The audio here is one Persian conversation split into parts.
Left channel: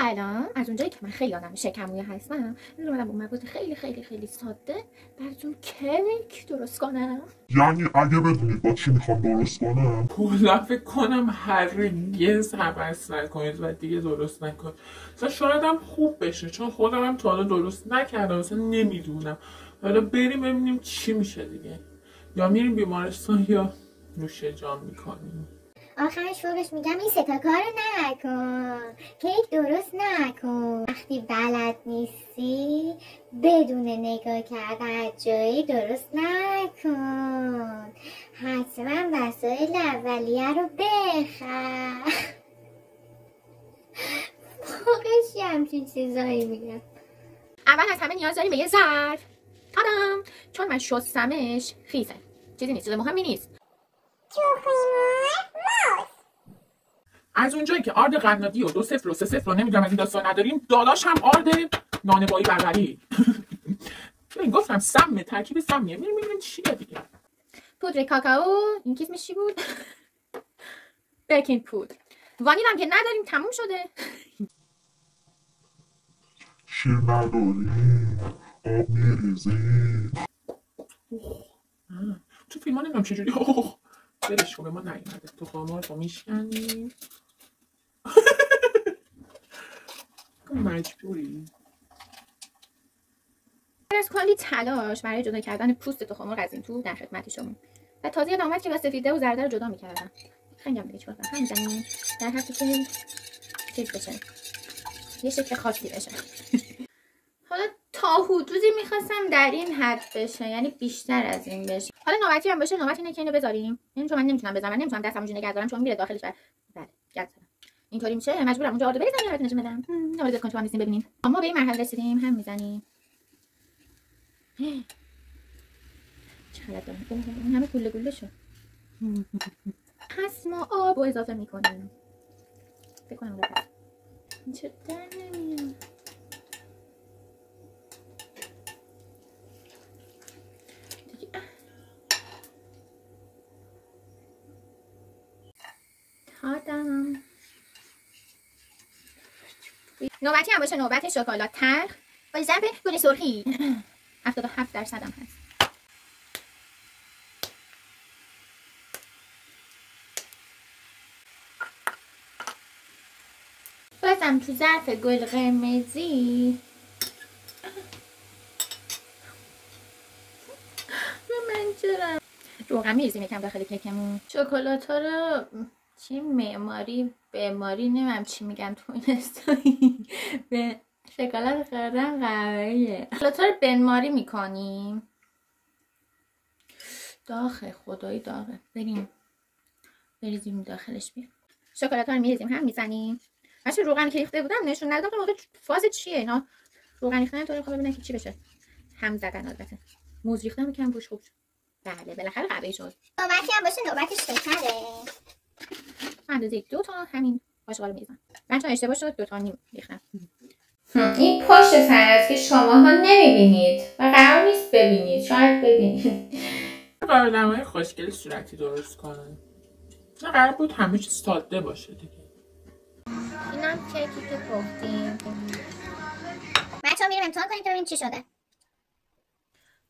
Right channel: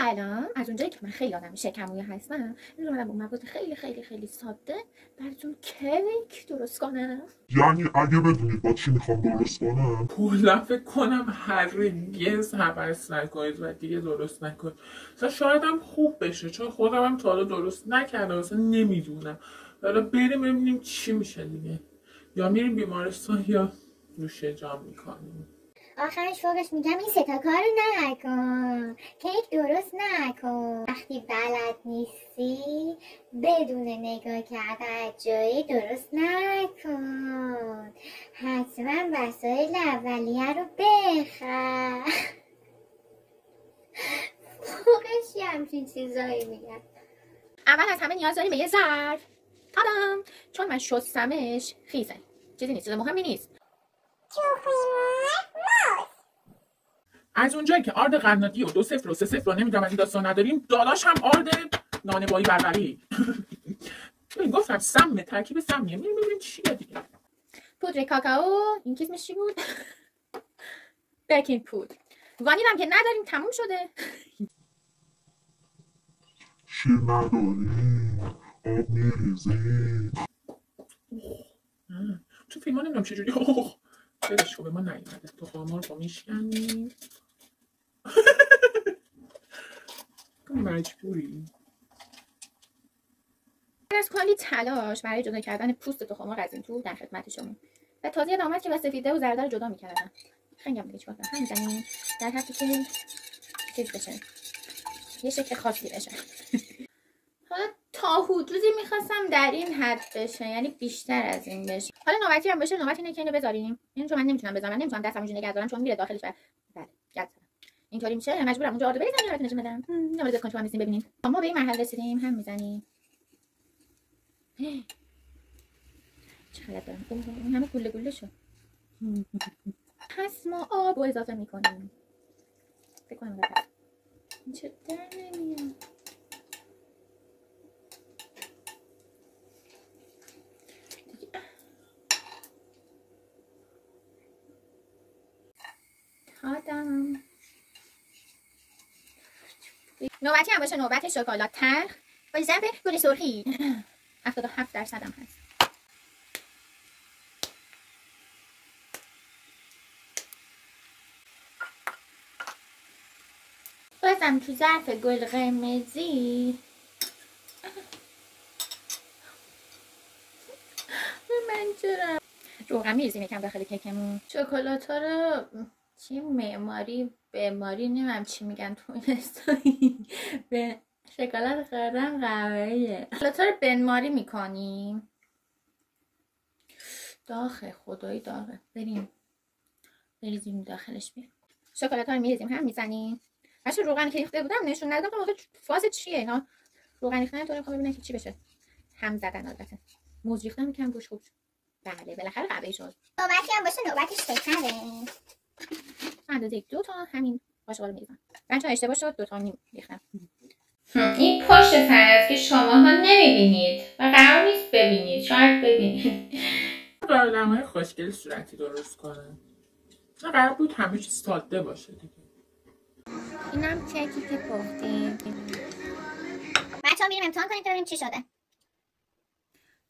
الان از اونجایی که من خیلی آدم شکمویه هستم اومدم با مواد خیلی خیلی خیلی ساده براتون کیک درست کنم. یعنی اگه بدونید با چی میخوام درست کنم؟ کلا فکر کنم هرگز حوض نکنید و دیگه درست نکنید. شاید هم خوب بشه چون خودم هم تا حالا درست نکردم، اصلا نمیدونم. حالا بریم ببینیم چی میشه دیگه. یا میریم بیمارستان یا نوش جان میکنیم. آخرش فوقش میگم این ستا کارو نکن، کیک درست نکن. وقتی بلد نیستی بدون نگاه کردن جایی درست نکن. حتما وسایل اولیه رو بخر. فوقش یه همچین چیزایی میگم. اول از همه نیاز داریم به یه ظرف. تادام، چون من شستمش خیزه، چیزی نیست، چیز مهمی نیست. از اونجایی که آرد قنادی و 2 0 و 3 0 رو نمیدونم از این داستان نداریم، دالاش هم آرد نانوایی بربری. گفتم سمه، ترکیب سمیه. میریم چیه دیگه. پودر کاکائو، این کیسمش چی بود؟ بیکینگ پودر. وانیل هم که نداریم، تموم شده. شیر نداری؟ آب میریزی؟ تو فیلم ها نمیدونم چجوری برش خوبه ما نیومده. تو خامار رو میشکنیم. مجبوری. از کلی تلاش برای جدا کردن پوست تخم‌مرغ از این تو در خدمت شما. و تازه یادم اومد که با سفیده و زرده رو جدا می‌کردم. خیلی هم دیگه چیکار کنم؟ هم می‌زنیم در حدی که چیز بشه. یه شکل خاصی بشه. حالا تا حدودی می‌خواستم در این حد بشه، یعنی بیشتر از این بشه. حالا نوبتی هم باشه، نوبت اینه که اینو بذاریم. یعنی چون من نمیتونم بذارم، من نمیتونم دستم اینجوری نگه دارم چون میره داخلش. بله، گرد زدم. اینطوری میشه، مجبورم اونجا آرد بریزم یا نشون بدم. نمی‌دونم کن تو هم ببینیم. اما به این مرحله رسیدیم، هم می‌زنیم. چقدر دارم این همه گله گله شد. پس ما آب رو اضافه میکنیم. فکر کنم بپس این چه در نمیاد. تادم. نوبتی هم باشه نوبت شکلات تلخ با ضرب گل سرخی. 77% هم هست. بازم تو ظرف گل قرمزی من چرا روغن میریزیم یکم داخل کیکمون. شکلات ها رو چی معماری معماری نمیم چی میگن تو این استایی به شکلات خوردن قهوه‌ایه. شکلات ها رو بنماری میکنیم. داخل خدایی داغه. بریزیم داخلش بیرون. شکلات ها رو میریزیم هم میزنیم. من چون روغن که ریخته بودم نشون ندادم موقع فاز چیه اینا. روغن ریختن طوری میخوام ببینم که چی بشه. هم زدن البته. موز ریختم یکم روش خوب شد. بله بالاخره قهوه‌ای شد. نوبتی هم باشه نوبتش شکره. اندازه 2 تا همین قاشق رو میریزم. من چون اشتباه شد 2 تا نیم ریختم. این پشت سر است که شماها نمیبینید و قرار نیست ببینید. شاید ببینید. برنامه‌های خوشگل صورتی درست کنن. نه قرار بود همه چیز ساده باشه دیگه. اینم کیکی که گفتیم. بچه‌ها میریم امتحان کنیم تا ببینیم چی شده.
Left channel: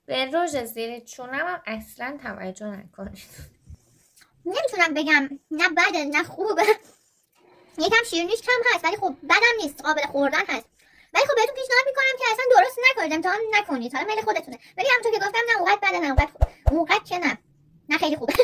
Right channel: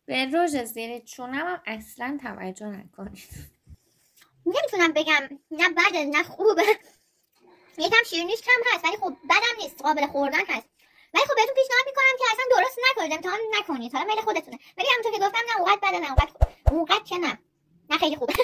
به رژ زیر چونم هم اصلا توجه نکنید. نمیتونم بگم نه بده نه خوبه. یکم شیرینیش کم هست ولی خب بدم نیست، قابل خوردن هست. ولی خب بهتون پیشنهاد میکنم که اصلا درست نکنید، امتحان نکنید. حالا میل خودتونه. ولی همونطور که گفتم نه اونقدر بده نه اونقدر خوبه. اونقدر که نه خیلی خوبه.